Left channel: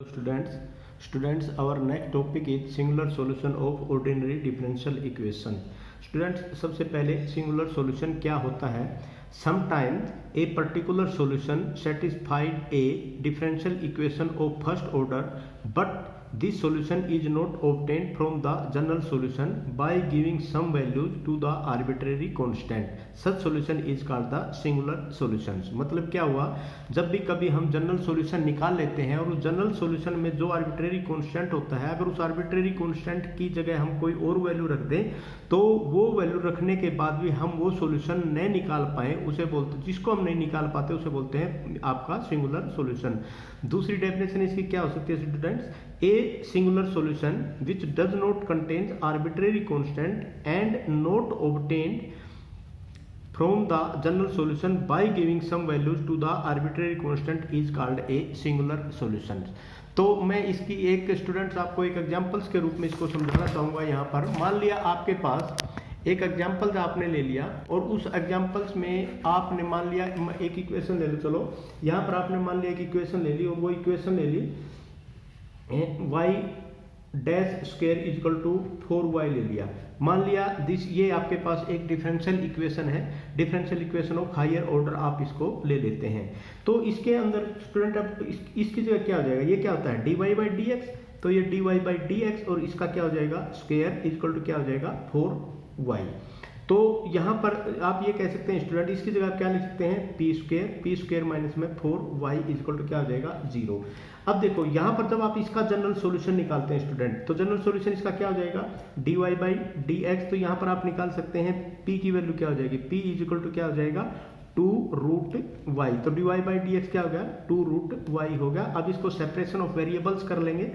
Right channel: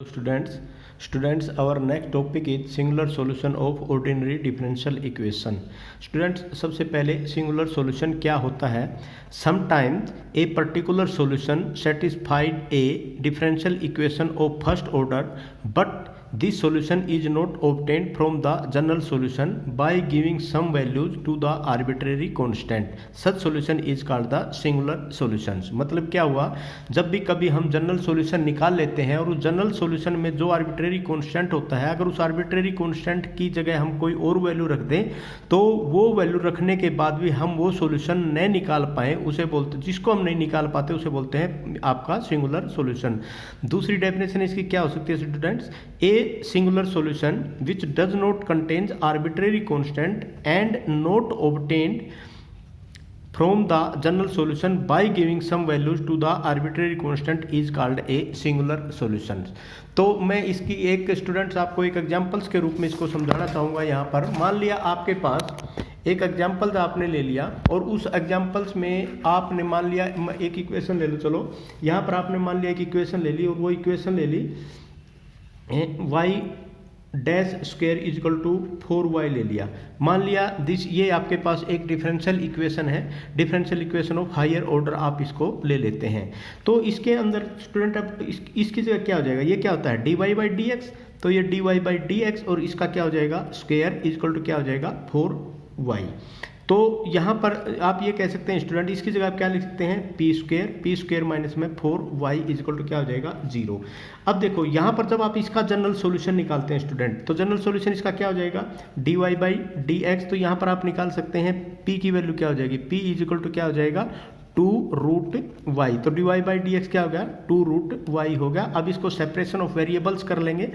Students, our next topic is singular solution of ordinary differential equation. Students, सबसे पहले singular solution क्या होता है? Sometimes a particular solution satisfied a differential equation of first order, but this solution is not obtained from the general solution by giving some values to the arbitrary constant. Such solution is called the singular solutions. मतलब क्या हुआ, जब भी कभी हम general solution निकाल लेते हैं और उस जनरल सॉल्यूशन में जो आर्बिट्रेरी कांस्टेंट होता है, अगर उस आर्बिट्रेरी कांस्टेंट की जगह हम कोई और वैल्यू रख दें तो वो वैल्यू रखने के बाद भी हम वो सॉल्यूशन नहीं निकाल पाए, उसे बोलते, जिसको हम नहीं निकाल पाते उसे बोलते हैं आपका सिंगुलर सॉल्यूशन. दूसरी डेफिनेशन इसकी क्या हो सकती है students? A singular solution which does not contains arbitrary constant and not obtained from the general solution by giving some values to the arbitrary constant is called a singular solution. तो मैं इसकी एक students आपको एक examples के रूप में इसको समझाना चाहूँगा. यहाँ पर मान लिया आपके पास एक एग्जाम्पल आपने ले लिया और उस एग्जाम्पल्स में आपने मान लिया एक इक्वेशन ले लो. चलो यहाँ पर आपने मान लिया एक इक्वेशन ले ली और वो इक्वेशन ले ली y dash square equal to 4y ले लिया. मान लिया दिस, ये आपके पास एक डिफरेंशियल इक्वेशन है, differential equation of higher order आप इसको ले लेते हैं. तो इसके अंदर स्टूडेंट अब इसकी जगह क्या हो जाएगा, ये क्या होता है dy बाई डी एक्स, तो ये dy बाई डी एक्स और इसका क्या हो जाएगा स्क्वायर इजिकल टू क्या हो जाएगा 4y. तो यहाँ पर आप ये कह सकते हैं स्टूडेंट, इसकी जगह आप क्या लिख सकते हैं पी स्क्वायर माइनस में 4y इजिकल टू क्या हो जाएगा 0. अब देखो यहाँ पर जब आप इसका जनरल सॉल्यूशन निकालते हैं स्टूडेंट, तो जनरल सॉल्यूशन इसका क्या हो जाएगा dy बाई डी एक्स. तो यहाँ पर आप निकाल सकते हैं p की वैल्यू क्या हो जाएगी, p इजिकल टू क्या हो जाएगा 2 रूट वाई. तो dy बाई डी एक्स क्या हो गया 2 रूट वाई हो गया. अब इसको सेपरेशन ऑफ वेरिएबल्स कर लेंगे,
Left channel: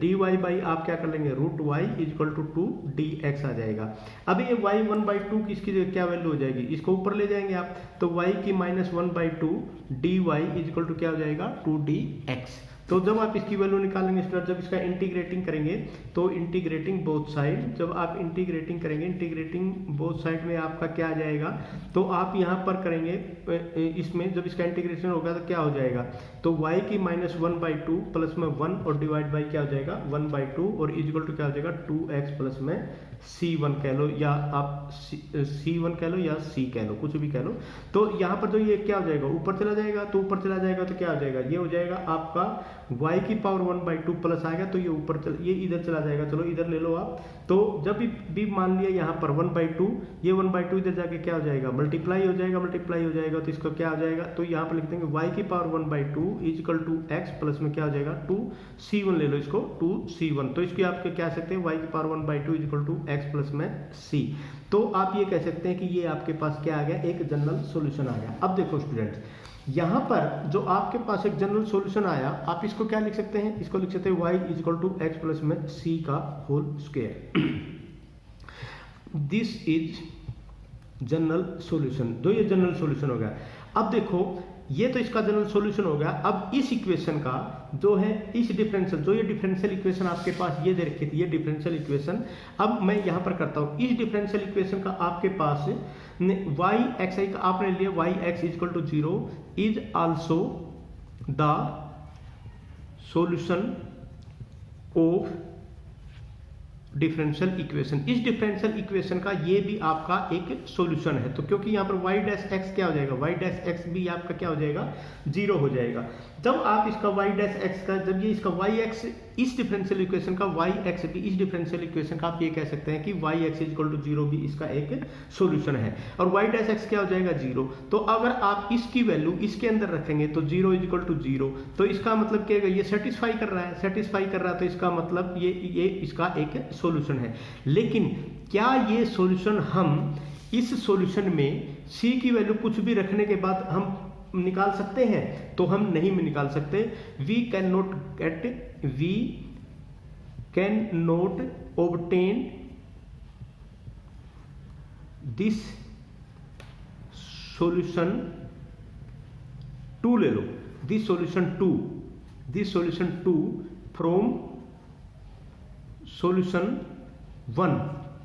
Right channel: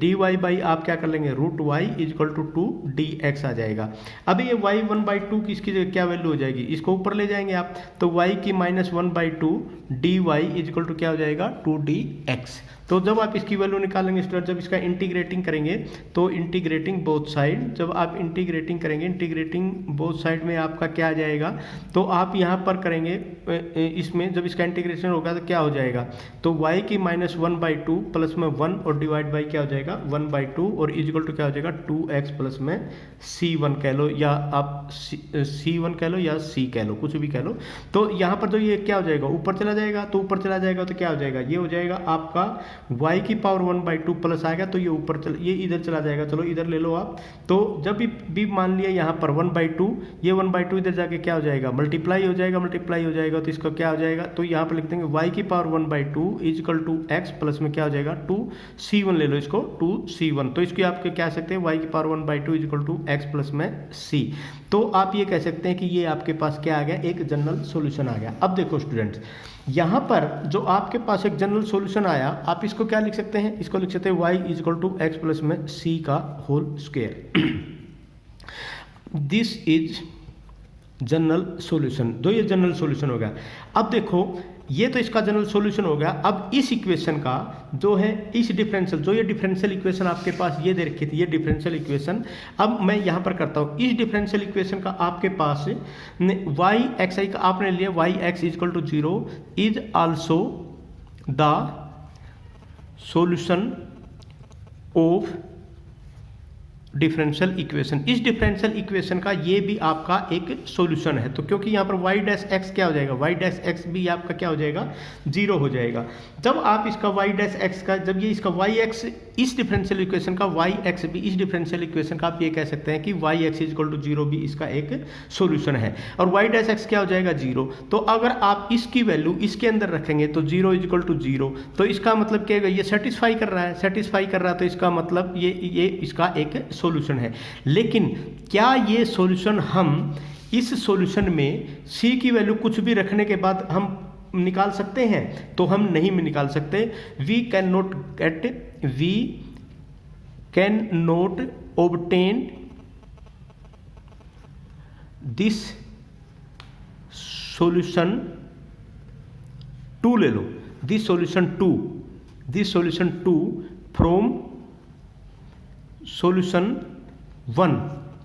dy बाई आप क्या कर लेंगे root y equal to 2 dx आ जाएगा. अभी ये y 1/2 की इसकी क्या वैल्यू हो जाएगी, इसको ऊपर ले जाएंगे आप, तो y की -1/2 dy इजिकल टू क्या हो जाएगा 2dx. तो जब आप इसकी वैल्यू निकालेंगे स्टूडेंट, जब इसका इंटीग्रेटिंग करेंगे तो इंटीग्रेटिंग बोथ साइड, जब आप इंटीग्रेटिंग करेंगे इंटीग्रेटिंग बोथ साइड में आपका क्या आ जाएगा, तो आप यहाँ पर करेंगे इसमें जब इसका इंटीग्रेशन होगा तो क्या हो जाएगा, तो y की -1/2 प्लस में 1 और डिवाइड बाई क्या हो जाएगा 1/2 और इजिकल टू क्या हो जाएगा 2x प्लस में c1 कह लो या आप c1 कह लो या c कह लो, कुछ भी कह लो. तो यहाँ पर जो ये क्या हो जाएगा ऊपर चला जाएगा, तो ऊपर चला जाएगा तो क्या हो जाएगा, ये हो जाएगा आपका y की पावर 1/2 प्लस आएगा, तो ये ऊपर ये इधर चला जाएगा. चलो इधर ले लो आप. तो जब भी मान लिया यहाँ पर 1/2, ये 1/2 इधर जाके क्या हो जाएगा मल्टीप्लाई हो जाएगा, तो इसका क्या हो जाएगा, तो यहाँ पर लिख देंगे y की power 1/2 equal to x plus में क्या हो जाएगा 2c1 ले लो इसको 2c1. तो इसकी आप क्या सकते हैं y की power 1/2 equal to x plus में c. तो आप ये कह सकते हैं कि ये आपके पास क्या आ गया, एक जनरल सॉल्यूशन आ गया. अब देखो स्टूडेंट्स, यहाँ पर जो आपके पास एक जनरल सॉल्यूशन आया, आप इसको क्या लिख सकते हैं, इसको लिख सकते हैं y equal to x plus में c का whole square. This is general solution. जो ये जनरल सॉल्यूशन हो गया. अब देखो ये तो इसका जनरल सॉल्यूशन हो गया. अब इस इक्वेशन का जो है इस डिफरेंशियल, जो ये डिफरेंशियल इक्वेशन आपके पास ये दे रखी थी, ये डिफरेंशियल इक्वेशन, अब मैं यहाँ पर करता हूँ इस डिफरेंशियल इक्वेशन का आपके पास y xi का आपने लिया y x equal to 0 is also the solution of differential equation. इस डिफरेंशियल इक्वेशन का ये भी आपका एक सॉल्यूशन है. तो क्योंकि यहाँ पर y डैश x क्या हो जाएगा, y डैश x भी आपका क्या हो जाएगा 0 हो जाएगा. जब आप इसका y डैश x का, जब ये इसका yx इस डिफरेंशियल इक्वेशन का yx भी इस डिफरेंशियल इक्वेशन का आप ये कह सकते हैं कि yx इजिकल टू 0 भी इसका एक सॉल्यूशन है. और y डैश x क्या हो जाएगा 0. तो अगर आप इसकी वैल्यू इसके अंदर रखेंगे तो 0 इजिकल टू 0, तो इसका मतलब क्या है, ये सेटिस्फाई कर रहा है, तो इसका मतलब ये इसका एक सॉल्यूशन है. लेकिन क्या ये सॉल्यूशन हम इस सॉल्यूशन में c की वैल्यू कुछ भी रखने के बाद हम निकाल सकते हैं, तो हम नहीं निकाल सकते. We can not obtain this solution two ले लो, this solution two from solution 1,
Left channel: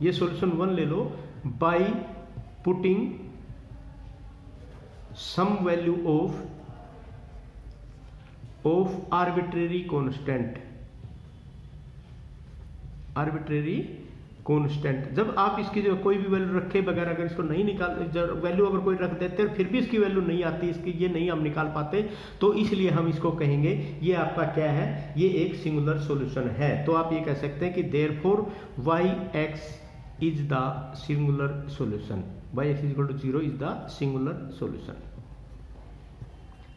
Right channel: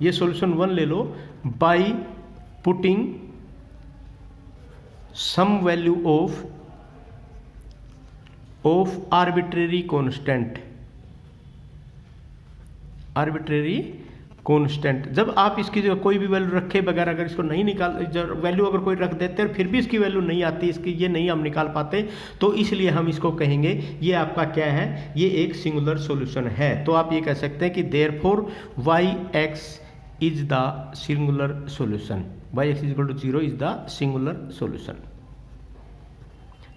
ये सॉल्यूशन 1 ले लो by putting some value of of arbitrary constant. जब आप इसकी जो कोई भी वैल्यू रखे बगैर अगर इसको नहीं निकाल, वैल्यू अगर कोई रख देते हैं फिर भी इसकी वैल्यू नहीं आती, इसकी ये नहीं हम निकाल पाते, तो इसलिए हम इसको कहेंगे ये आपका क्या है, ये एक सिंगुलर सॉल्यूशन है। तो आप ये कह सकते हैं कि therefore y x is the singular solution, y x is equal to 0 is the singular solution.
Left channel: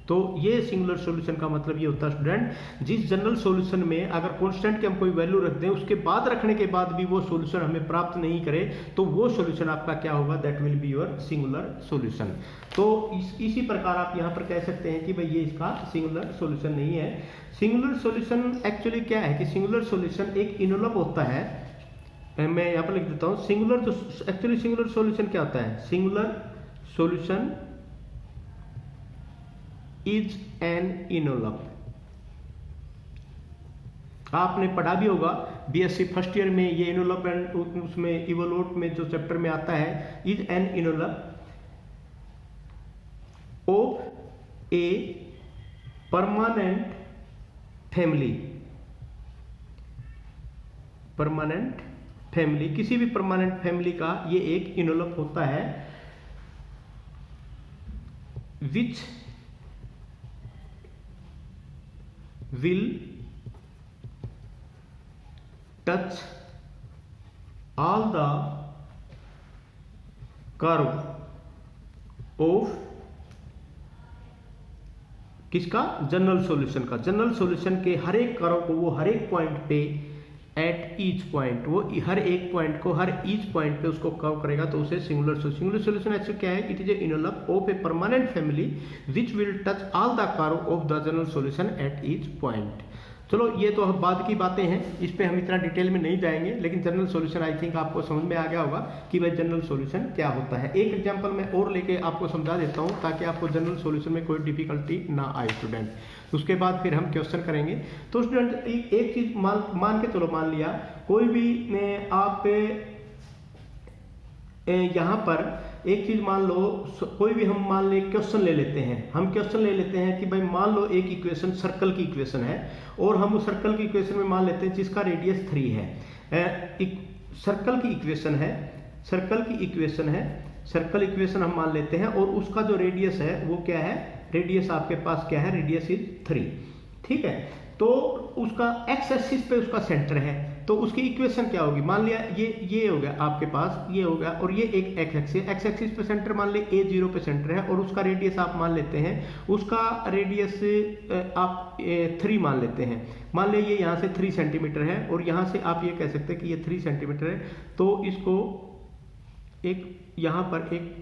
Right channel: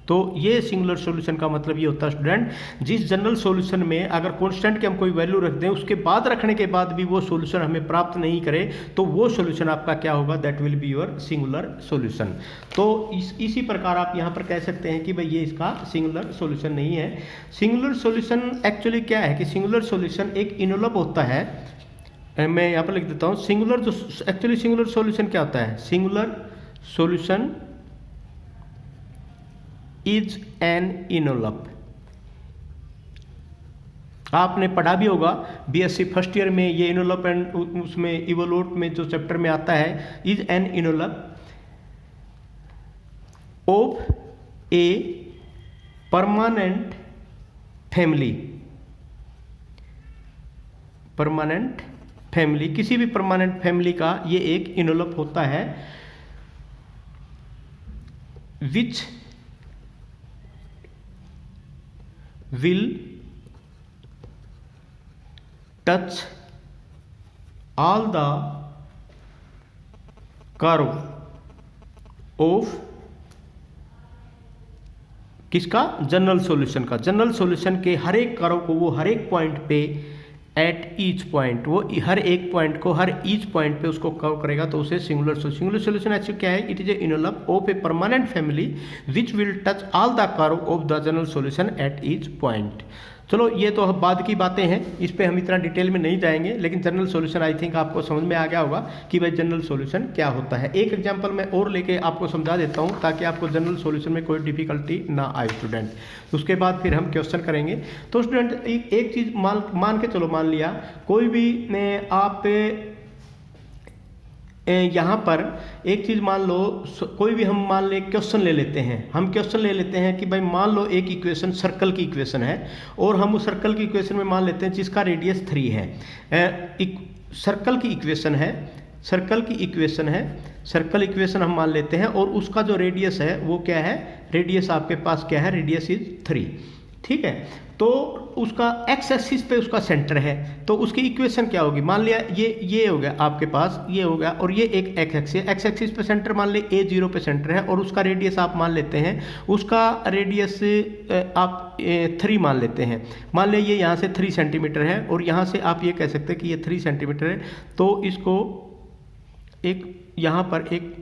तो ये सिंगुलर सॉल्यूशन का मतलब ये होता है स्टूडेंट, जिस जनरल सॉल्यूशन में अगर कांस्टेंट की हम कोई वैल्यू रख दें, उसके बाद रखने के बाद भी वो सॉल्यूशन हमें प्राप्त नहीं करे, तो वो सॉल्यूशन आपका क्या होगा, that will be your singular solution. तो इसी प्रकार आप यहाँ पर कह सकते हैं कि भाई ये इसका सिंगुलर सॉल्यूशन नहीं है। सिंगुलर सॉल्यूशन एक्चुअली क्या है कि सिंगुलर सॉल्यूशन एक इनवलप होता है, मैं यहाँ पर लिख देता हूँ, सिंगुलर जो एक्चुअली सिंगुलर सॉल्यूशन क्या होता है, singular solution is an envelope. आपने पढ़ा भी होगा बीएससी फर्स्ट ईयर में ये इनवलप एंड उसमें इवोल्यूट में जो चैप्टर में आता है, is an envelope of a permanent family, किसी भी परमानेंट फैमिली का ये एक इनवलप होता है, विच will touch all the curve of किसका, जनरल सॉल्यूशन का। जनरल सॉल्यूशन के हर एक कर्व को वो हर एक पॉइंट पे एट ईच पॉइंट, वो हर एक पॉइंट को हर ईच पॉइंट पे उसको कवर करेगा, तो उसे सिंगुलर सॉल्यूशन एक्चुअली क्या है, it is a envelope of a permanent family which will touch all the curve of the general solution at each point. चलो ये तो बाद की बातें हैं, इस पे हम इतना डिटेल में नहीं जाएंगे, लेकिन जनरल सॉल्यूशन आई थिंक आपको समझ में आ गया होगा कि भाई जनरल सॉल्यूशन क्या होता है। एक एग्जांपल मैं और लेके आपको समझा देता हूँ ताकि आपको जनरल सॉल्यूशन में कोई डिफिकल्टी ना आए स्टूडेंट। उसके बाद फिर हम क्वेश्चन करेंगे। तो स्टूडेंट एक चीज़ मान के चलो, मान लिया कोई भी आप यहाँ पर एक चीज़ मान लो, कोई भी हम मान ले क्वेश्चन ले लेते हैं, हम क्वेश्चन ले लेते हैं कि भाई मान लो एक इक्वेशन सर्कल की इक्वेशन है, और हम उस सर्कल की इक्वेशन में मान लेते हैं जिसका रेडियस 3 है। सर्कल की इक्वेशन हम मान लेते हैं, और उसका जो रेडियस है वो क्या है, रेडियस आपके पास क्या है, रेडियस इज 3, ठीक है। तो उसका एक्स एक्सिस पे उसका सेंटर है, तो उसकी इक्वेशन क्या होगी, मान लिया ये हो गया आपके पास, ये हो गया, और ये एक एक्स एक्सिस पे सेंटर मान ले A0 पे सेंटर है, और उसका रेडियस आप मान लेते हैं, उसका रेडियस आप 3 मान लेते हैं। मान ले ये यहाँ से 3 सेंटीमीटर है, और यहाँ से आप ये कह सकते हैं कि ये 3 सेंटीमीटर है, तो इसको एक यहाँ पर एक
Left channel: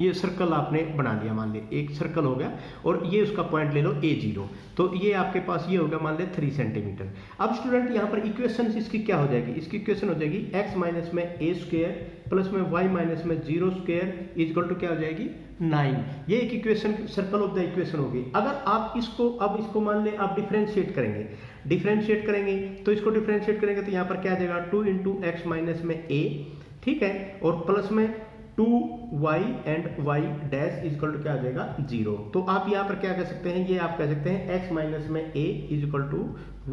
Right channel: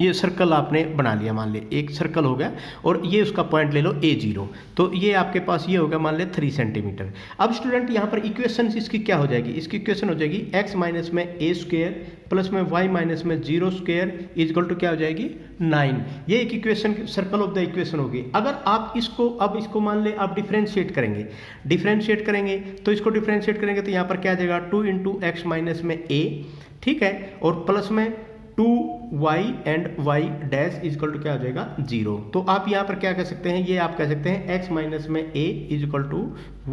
ये सर्कल आपने बना लिया, मान ले एक सर्कल हो गया, और ये उसका पॉइंट ले लो A0, तो ये आपके पास ये हो गया मान ले 3 सेंटीमीटर। अब स्टूडेंट यहाँ पर इक्वेशन इसकी क्या हो जाएगी, इसकी इक्वेशन हो जाएगी x माइनस में a स्क्वायर प्लस में y माइनस में 0 स्क्वायर इज इक्वल टू क्या हो जाएगी 9। ये एक equation circle of the equation होगी। अगर आप इसको मान ले आप डिफरेंशिएट करेंगे तो इसको डिफरेंशिएट करेंगे तो यहाँ पर क्या आ जाएगा 2 इंटू एक्स माइनस में a, ठीक है, और प्लस में 2y and y dash equal to क्या हो जाएगा 0। तो आप यहाँ पर क्या कह सकते हैं, ये आप कह सकते हैं x माइनस में a equal to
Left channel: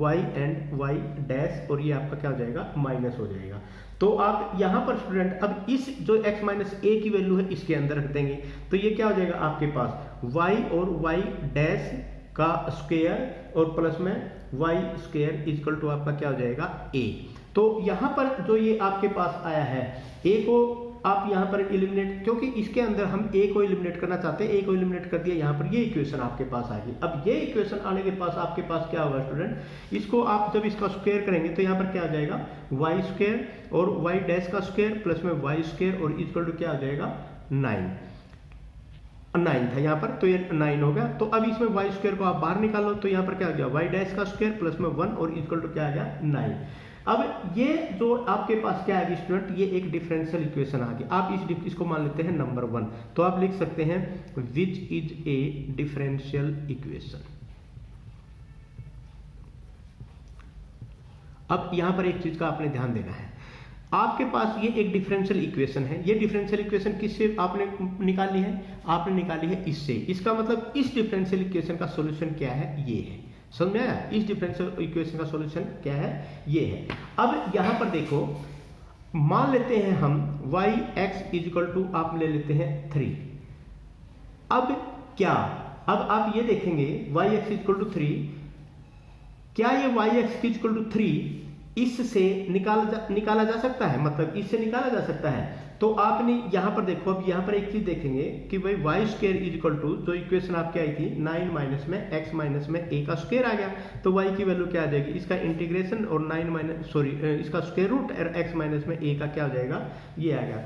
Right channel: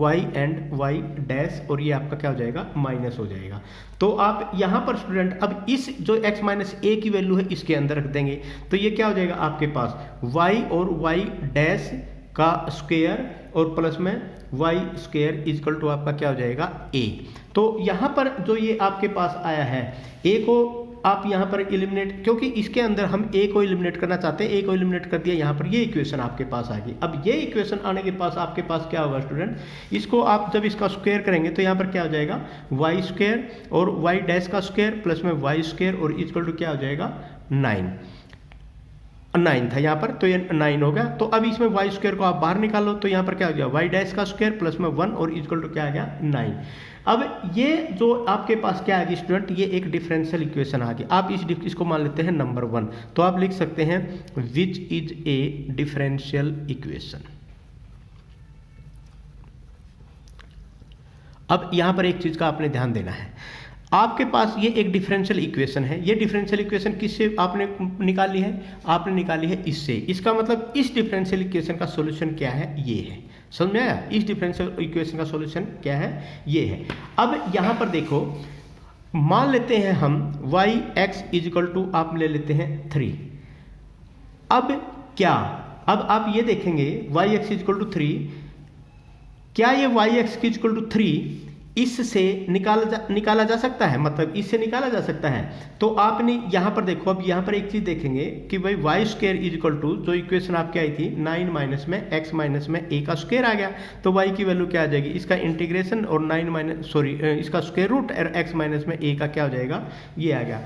y and y dash, और ये आपका क्या हो जाएगा माइनस हो जाएगा। तो आप यहाँ पर स्टूडेंट अब इस जो x माइनस a की वैल्यू है इसके अंदर रख देंगे, तो ये क्या हो जाएगा आपके पास y और y डैश का स्क्वायर और प्लस में y स्क्वायर इजकल टू आपका क्या हो जाएगा a। तो यहाँ पर जो ये आपके पास आया है a को आप यहाँ पर एलिमिनेट, क्योंकि इसके अंदर हम a को एलिमिनेट करना चाहते हैं, a को एलिमिनेट कर दिया, यहाँ पर ये इक्वेशन आपके पास आ गई। अब ये इक्वेशन आने के पास आपके पास क्या होगा स्टूडेंट, इसको आप जब इसका स्क्वायर करेंगे तो यहाँ पर क्या हो जाएगा y स्क्वायर और y डैश का स्क्वायर प्लस में y स्क्वायर और इक्वल टू क्या हो जाएगा 9 था यहाँ पर, तो ये 9 हो गया। तो अब इसमें y स्क्वायर को आप बाहर निकालो तो यहाँ पर क्या हो गया y डैश का स्क्वायर प्लस में 1 और इक्वल टू क्या आ गया 9। अब ये जो आपके पास क्या आ गई स्टूडेंट, ये एक डिफरेंशियल इक्वेशन आ गई। आप इसको मान लेते हैं नंबर 1, तो आप लिख सकते हैं विच इज ए डिफरेंशियल इक्वेशन। अब यहां पर एक चीज का आपने ध्यान देना है, आपके पास ये एक डिफरेंशियल इक्वेशन है। ये डिफरेंशियल इक्वेशन किससे आपने निकाली है? आपने निकाली है इससे। इसका मतलब इस डिफरेंशियल इक्वेशन का सॉल्यूशन क्या है? ये है। समझ में आया? इस डिफरेंशियल इक्वेशन का सॉल्यूशन क्या है? ये है। अब यहाँ पर देखो, मान लेते हैं हम yx इजिकल टू आप ले लेते हैं 3। अब क्या, अब आप ये देखेंगे yx इजिकल टू 3, क्या ये yx इजिकल टू 3 इससे निकाला जा सकता है? मतलब इससे निकाला जा सकता है। तो आपने यहाँ पर देखो, अब यहाँ पर एक चीज देखेंगे कि भाई y square is equal to, जो इक्वेशन आपके आई थी 9 माइनस में x माइनस में a का स्क्वायर आ गया, तो y की वैल्यू क्या आ जाएगी? इसका इंटीग्रेशन और 9 माइनस इसका स्क्वायर रूट और x माइनस में a का क्या हो जाएगा? ये आ गया।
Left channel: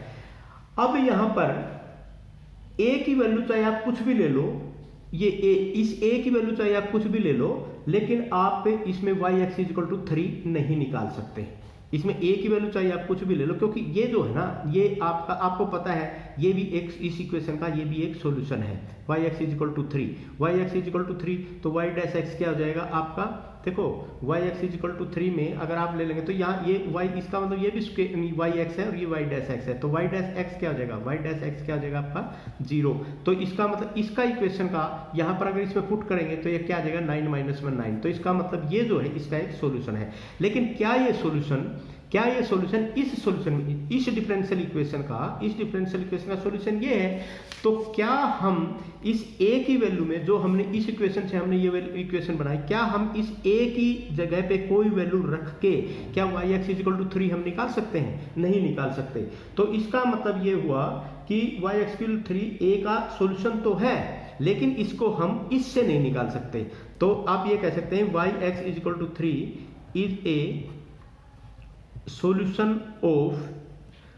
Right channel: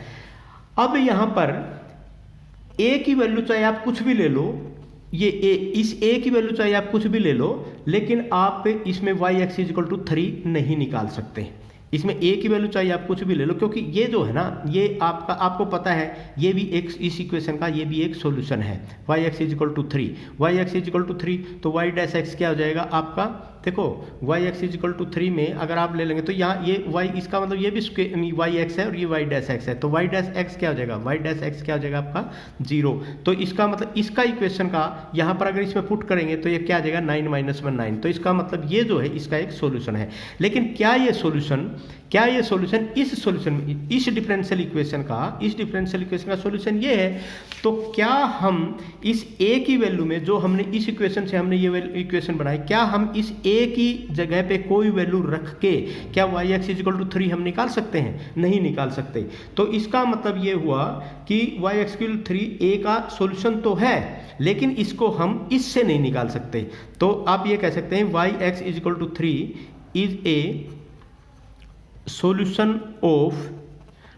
अब यहाँ पर a की वैल्यू चाहे आप कुछ भी ले लो, ये इस a की वैल्यू चाहे आप कुछ भी ले लो, लेकिन आप इसमें yx इक्वल टू 3 नहीं निकाल सकते। इसमें a की वैल्यू चाहिए आप कुछ भी ले लो, क्योंकि ये जो है ना, ये आपको पता है ये भी एक इस इक्वेशन का ये भी एक सॉल्यूशन है। yx equal to 3, yx equal to 3, तो y डैश x क्या हो जाएगा आपका? देखो yx इक्वल टू 3 में अगर आप ले लेंगे तो यहाँ ये y, इसका मतलब ये भी yx है और ये y डैश x है, तो y डैश x क्या हो जाएगा? y डैश x क्या हो जाएगा आपका? 0। तो इसका मतलब इसका इक्वेशन का यहाँ पर अगर इसमें पुट करेंगे तो ये क्या आ जाएगा? 9 माइनस में 9। तो इसका मतलब ये जो है इसका एक सॉल्यूशन है। लेकिन क्या ये सॉल्यूशन इस सॉल्यूशन में, इस डिफरेंशियल इक्वेशन का सॉल्यूशन ये है? तो क्या हम इस a की वैल्यू में, जो हमने इस इक्वेशन से हमने ये इक्वेशन बनाई, क्या हम इस a की जगह पे कोई वैल्यू रख के क्या yx इक्वल टू 3 हम निकाल सकते हैं? नहीं निकाल सकते। तो इसका मतलब ये हुआ कि yx इक्वल टू 3 a का सॉल्यूशन तो है, लेकिन इसको हम इससे नहीं निकाल सकते। तो आप ये कह सकते हैं yx equal to 3 is a solution of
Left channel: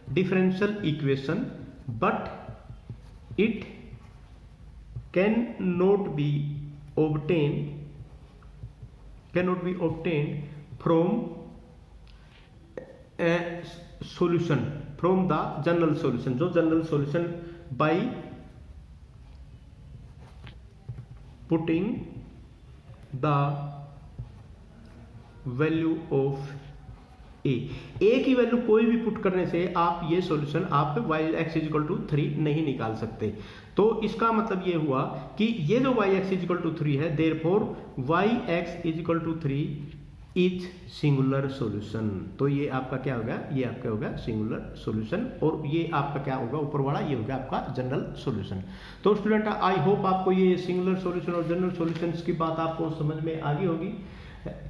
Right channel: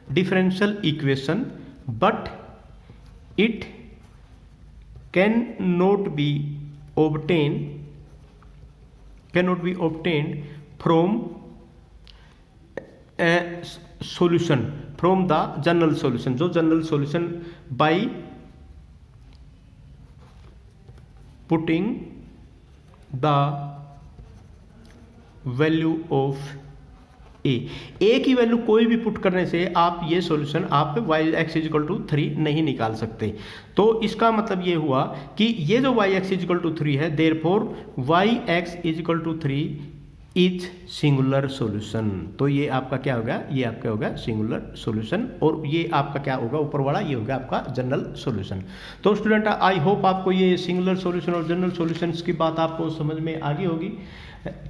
differential equation, but it cannot be obtained from a solution, from the general solution, जो general solution by putting the value of ए की वैल्यू कोई भी पुट करने से आप ये सॉल्यूशन आप yx equal to 3 नहीं निकाल सकते। तो इसका मतलब ये हुआ कि ये जो yx इक्वल टू 3 है, therefore yx equal to 3 is singular solution. तो ये आपका क्या होगा? ये आपका होगा सिंगुलर सॉल्यूशन, और ये आपका क्या होगा? ऊपर वाला ये होगा आपका जनरल सॉल्यूशन। तो स्टूडेंट, आई होप आपको ये सिंगुलर सॉल्यूशन और जनरल सॉल्यूशंस की बात आपको समझ में आ गई होगी।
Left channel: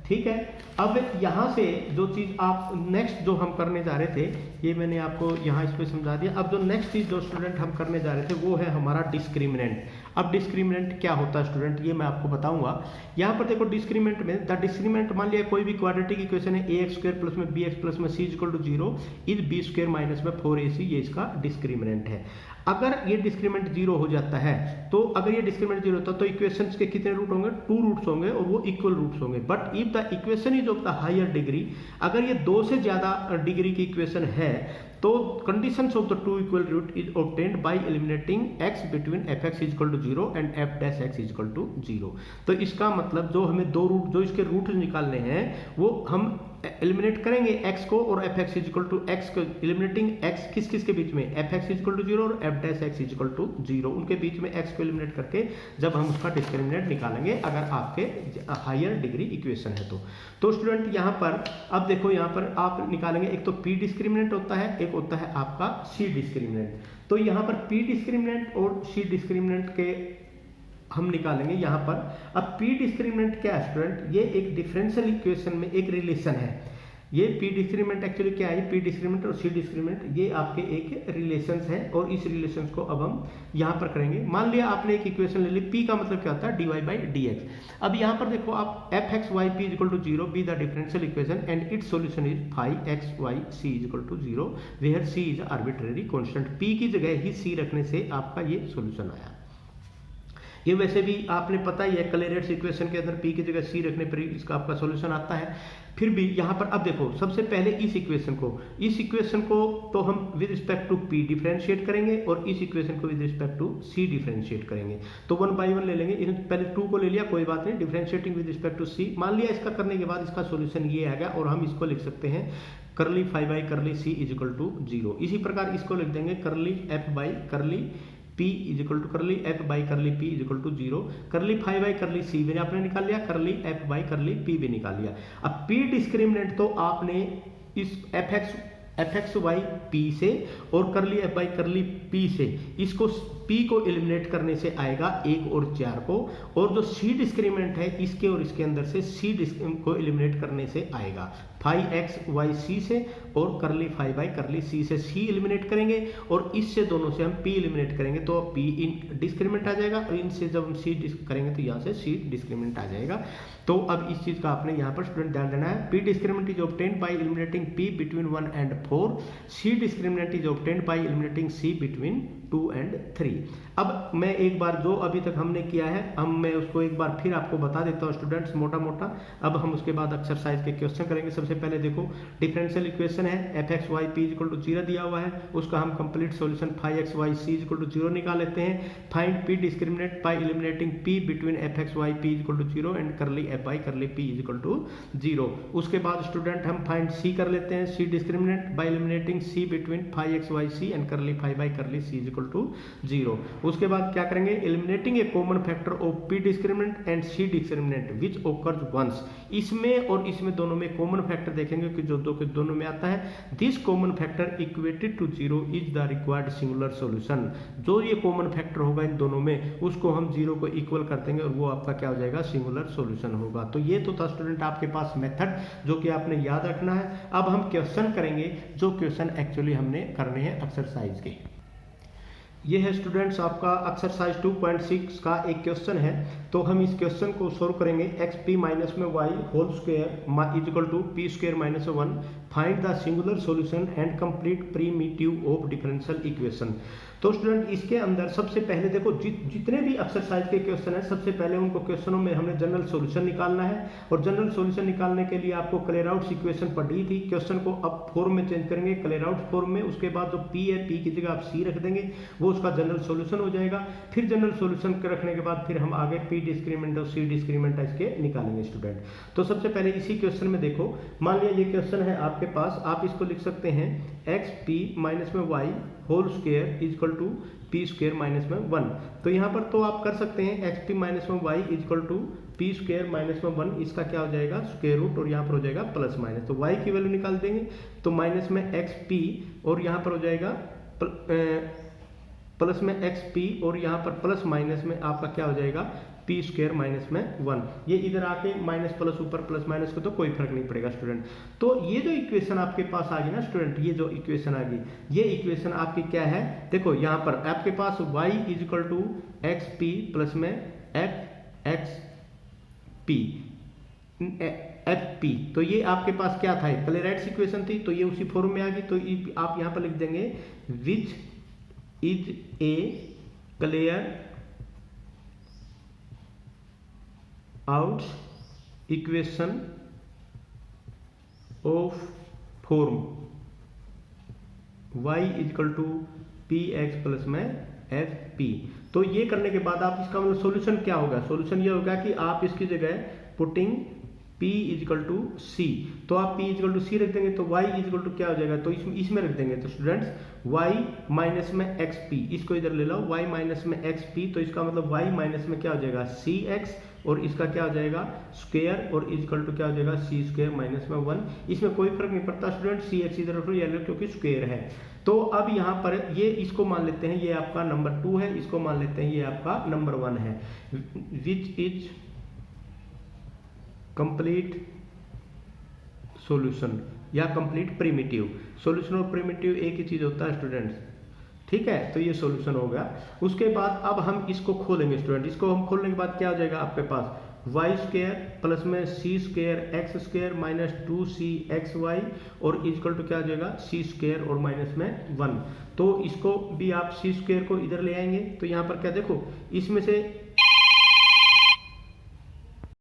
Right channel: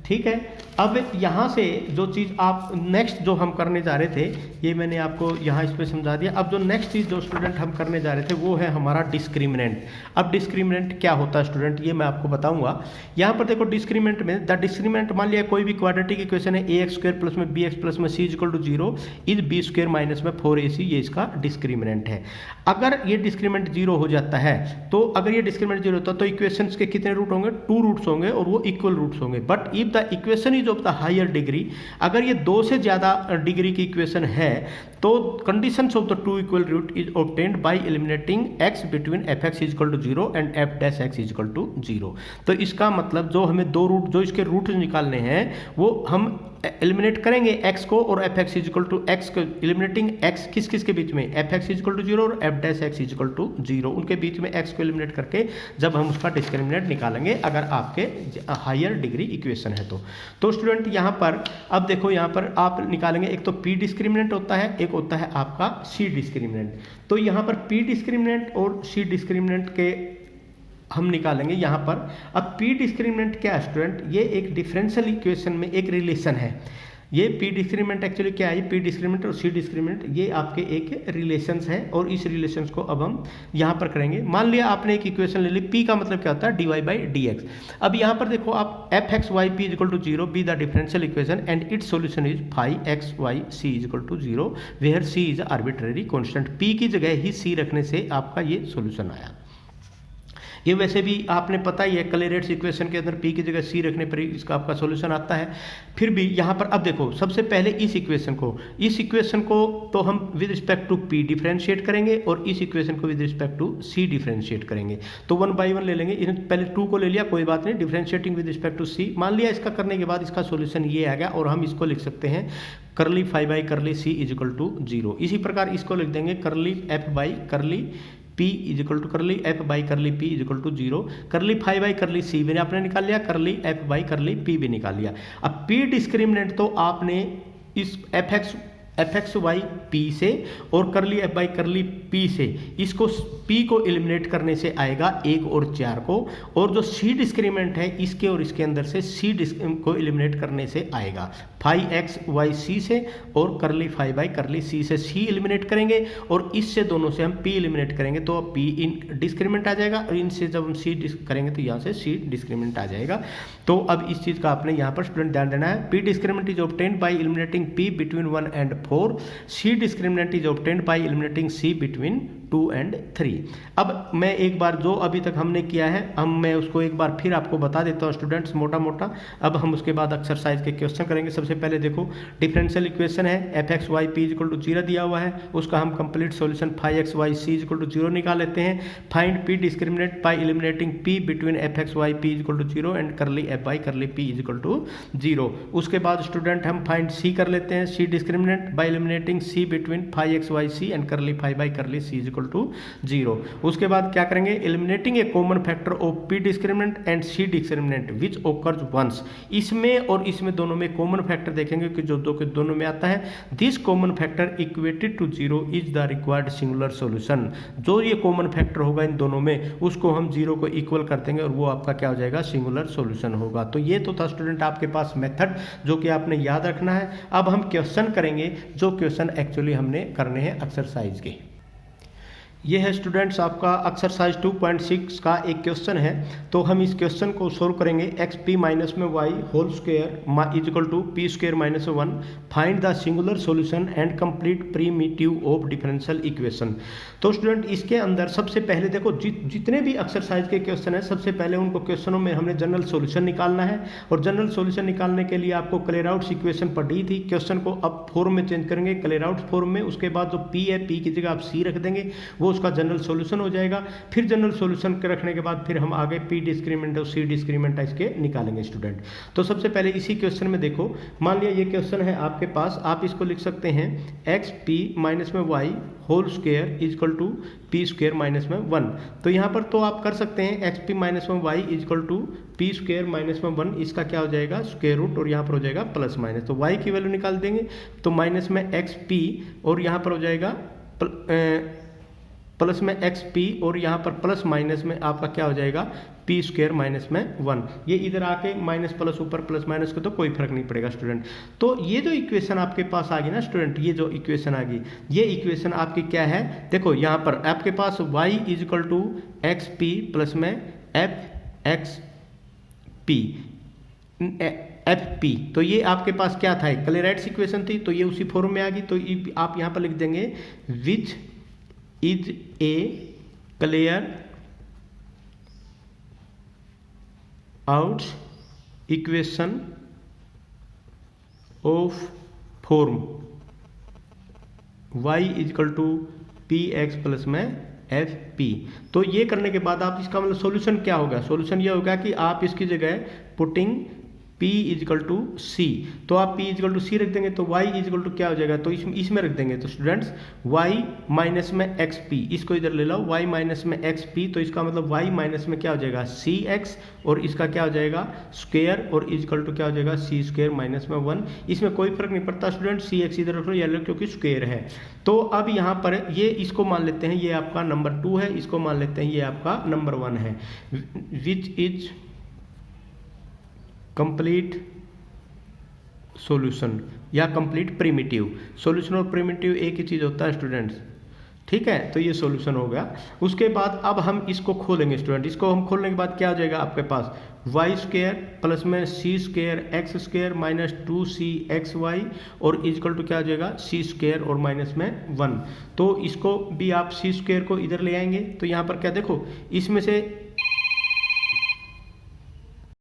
ठीक है। अब यहाँ से जो चीज़ आप नेक्स्ट जो हम करने जा रहे थे, ये मैंने आपको यहाँ इस पर समझा दिया। अब जो नेक्स्ट चीज़ जो स्टूडेंट हम करने जा रहे थे वो है हमारा डिस्क्रिमिनेंट। अब डिस्क्रिमिनेंट क्या होता है स्टूडेंट, ये मैं आपको बताऊंगा। यहाँ पर देखो डिस्क्रिमिनेंट में, द डिस्क्रिमिनेंट मान लिया कोई भी क्वाड्रेटिक इक्वेशन है, ए एक्स स्क्वायर प्लस में बी एक्स प्लस में c equal to 0 is b square minus में 4ac, ये इसका डिस्क्रिमिनेंट है। अगर ये डिस्क्रिमिनेंट 0 हो जाता है, तो अगर ये डिस्क्रिमिनेंट 0 होता है तो इक्वेशंस के कितने रूट होंगे? 2 रूट्स होंगे, और वो इक्वल रूट्स होंगे। But if the equation is of the higher degree, अगर ये 2 से ज़्यादा डिग्री की इक्वेशन है, तो conditions of the 2 equal root is obtained by eliminating x between fx equal to 0 and f dash x equal to 0। तो इसका मतलब जो हमें 2 रूट, जो इसके रूट निकालने हैं, वो हम एलिमिनेट करेंगे x को, और fx इक्वल टू x को, एलिमिनेटिंग x किस किस के बीच में? fx इक्वल टू 0 और f dash x equal to 0, उनके बीच में x को एलिमिनेट करके जब हम उसका डिस्क्रिमिनेंट निकालेंगे, अगर आपके हायर डिग्री इक्वेशन है तो स्टूडेंट यहाँ पर अब देखो, यहाँ पर आप निकालेंगे, एक तो p डिस्क्रिमिनेंट होता है, एक होता है आपका c डिस्क्रिमिनेंट। तो यहाँ पर p डिस्क्रिमिनेंट और c डिस्क्रिमिनेंट के हम निकालेंगे यहाँ पर। अब p डिस्क्रिमिनेंट क्या है स्टूडेंट? ये एक डिफरेंशियल इक्वेशन में एक रिलेशन है। ये p डिस्क्रिमिनेंट एक्चुअली क्या है? p डिस्क्रिमिनेंट और c डिस्क्रिमिनेंट ये आपके एक रिलेशंस हैं, और इस रिलेशंस को अब हम यहाँ पर करेंगे। मान लिया आपने एक इक्वेशन ले ली, p का मतलब क्या होता है? dy by dx। अब यहाँ पर देखो आप fx y p equal to 0 be the differential equation and its solution is five x y c equal to 0 where c is arbitrary constant. p की जगह ही c रखने से आपका ये सॉल्यूशन आया। ये वैसे भी आपने पता ही है, क्लेरेट्स इक्वेशन के अंदर p की जगह c रखने पर इसका आपका सॉल्यूशन आता है। फिर भी यहाँ पर अब देखो, सबसे पहले इस इक्वेशन को तो हम with respect to p differentiate करेंगे और इस इक्वेशन को with respect to c differentiate करेंगे। तो 1 बाई 1 ले लेंगे, इसमें पहले 2 को ले लिया, कोई बात नहीं, differentiating with respect to c मान लिया। इसका करने के बाद इसका सॉल्यूशन ये आ गया और हम इसको लिख सकते हैं curly phi by curly c is equal to 0। इसी प्रकार इसको लिख देंगे curly f by curly p is equal to curly f by curly p is equal to 0। Curly phi by curly c भी आपने निकाल लिया, करली f बाई करली p भी निकाल लिया। अब p डिस्क्रिमिनेंट तो आपने इस एफ एक्स वाई पी से और करली एफ बाई करली पी से, इसको पी को एलिमिनेट करने से आएगा 1 और 4 को, और जो सी डिस्क्रिमिनेंट है इसके और इसके अंदर से सी को एलिमिनेट करने से आएगा फाई एक्स वाई सी से और करली फाई बाई करली सी से सी एलिमिनेट करेंगे और इससे दोनों से हम पी एलिमिनेट करेंगे तो पी इन डिस्क्रिमिनेंट आ जाएगा और इनसे जब हम सी करेंगे तो यहाँ से सी डिस्क्रिमिनेंट आ जाएगा। तो अब इस चीज़ का आपने यहाँ पर स्टूडेंट ध्यान देना है, p discriminant is obtained by eliminating p between 1 and 4, c discriminant is obtained by eliminating C between 2 and 3। अब मैं एक बार जो अभी तक हमने किया है मैं उसको एक बार फिर आपको बता देता हूँ स्टूडेंट्स मोटा मोटा। अब हम उसके बाद एक्सरसाइज के क्वेश्चन करेंगे। सबसे पहले देखो डिफरेंशियल इक्वेशन है f x y p equal to 0 दिया हुआ है, उसका हम complete solution phi x y c equal to 0 निकाल लेते हैं। Find p discriminant by eliminating p between f x y p equal to 0 and curly f y curly p equal to 0। उसके बाद स्टूडेंट हम फाइंड सी कर लेते हैं, C discriminant by eliminating C between phi x y C and curly phi by curly C equal to 0। उसके बाद क्या करेंगे, eliminating a common factor of p discriminant and C discriminant which occurs once. इसमें और इसमें दोनों में common factor देखेंगे कि जो दो के दोनों में आता है। This common factor equated to 0 is the required singular solution. जो ये कॉमन फैक्टर होगा इन दोनों में उसको हम 0 को इक्वल कर देंगे और वो आपका क्या हो जाएगा, सिंगुलर सॉल्यूशन होगा। तो ये तो था स्टूडेंट आपके पास मेथड जो कि आपने याद रखना है। अब हम क्वेश्चन करेंगे जो क्वेश्चन एक्चुअली हमने करने हैं एक्सरसाइज के। ये है स्टूडेंट्स आपका एक्सरसाइज 2.6 का एक क्वेश्चन है। तो हम इस क्वेश्चन को सोल्व करेंगे। एक्स पी माइनस में y whole square is equal to p square minus 1। Find the singular solution and complete primitive of differential equation. तो स्टूडेंट इसके अंदर सबसे पहले देखो जितने भी एक्सरसाइज के क्वेश्चन है सबसे पहले उनको क्वेश्चनों में हमने जनरल सॉल्यूशन निकालना है और जनरल सॉल्यूशन निकालने के लिए आपको क्लेराउट्स इक्वेशन पढ़ी थी। क्वेश्चन को अब फॉर्म में चेंज करेंगे क्लेराउट्स फॉर्म में। उसके बाद जो पी है पी की जगह आप सी रख देंगे, वो उसका जनरल सॉल्यूशन हो जाएगा। फिर जनरल सॉल्यूशन रखने के बाद फिर हम आगे पी डिस्क्रिमिनेंट और सी डिस्क्रिमिनेंट इसके निकालेंगे स्टूडेंट। तो सबसे पहले इसी क्वेश्चन में देखो, मान लिया ये क्वेश्चन है आपके पास, आप इसको लिख सकते हैं एक्स पी माइनस में y whole square is equal to p square minus में 1। तो यहाँ पर तो आप कर सकते हैं एक्स पी माइनस में y is equal to p square minus में 1, इसका क्या हो जाएगा स्क्वायर रूट और यहाँ पर हो जाएगा प्लस माइनस। तो वाई की वैल्यू निकाल देंगे तो माइनस में एक्स पी और यहाँ पर हो जाएगा प्लस में एक्स पी और यहाँ पर प्लस माइनस में आपका क्या हो जाएगा पी स्क्वायर माइनस में 1। ये इधर आके माइनस प्लस ऊपर प्लस माइनस को तो कोई फर्क नहीं पड़ेगा स्टूडेंट। तो ये जो इक्वेशन आपके पास आ गई ना स्टूडेंट, ये जो इक्वेशन आ गई, ये इक्वेशन आपकी क्या है, देखो यहाँ पर आपके पास y is equal to x p plus में f x p f p. तो ये आपके पास क्या था, क्लेराइट्स इक्वेशन थी, तो ये उसी फॉर्म में आ गई। तो आप यहाँ पर लिख देंगे which is a Clairaut equation of form y is equal to p x plus में एफ पी। तो ये करने के बाद आप इसका मतलब सॉल्यूशन क्या होगा, सॉल्यूशन ये होगा कि आप इसकी जगह putting P is equal to C, तो आप P is equal to C रख देंगे तो y इज इक्वल टू क्या हो जाएगा, तो इसमें रख देंगे। तो स्टूडेंट्स y माइनस में एक्स पी, इसको इधर ले लो y माइनस में एक्स पी, तो इसका मतलब y माइनस में क्या हो जाएगा सी एक्स और इसका क्या हो जाएगा स्क्वायर और इज इक्वल टू क्या हो जाएगा सी स्क्वायर माइनस में 1। इसमें कोई फर्क नहीं पड़ता स्टूडेंट, सी एक्स इधर रख लो या क्योंकि स्क्वायर है। तो अब यहाँ पर ये इसको मान लेते हैं ये आपका नंबर 2 है, इसको मान लेते हैं ये आपका नंबर 1 है। विच इज कंप्लीट सॉल्यूशन या कंप्लीट प्रीमिटिव। सॉल्यूशन और प्रीमिटिव एक ही चीज होता है स्टूडेंट्स, ठीक है। तो ये सॉल्यूशन हो गया। उसके बाद अब हम इसको खोलेंगे स्टूडेंट, इसको हम खोलने के बाद क्या हो जाएगा आपके पास वाई स्क्वायर प्लस में C square x square minus 2c x y और इजकल टू क्या हो जाएगा सी स्क्वायर और माइनस में 1। तो इसको भी आप सी स्क्वायर को इधर ले आएंगे तो यहाँ पर क्या देखो इसमें से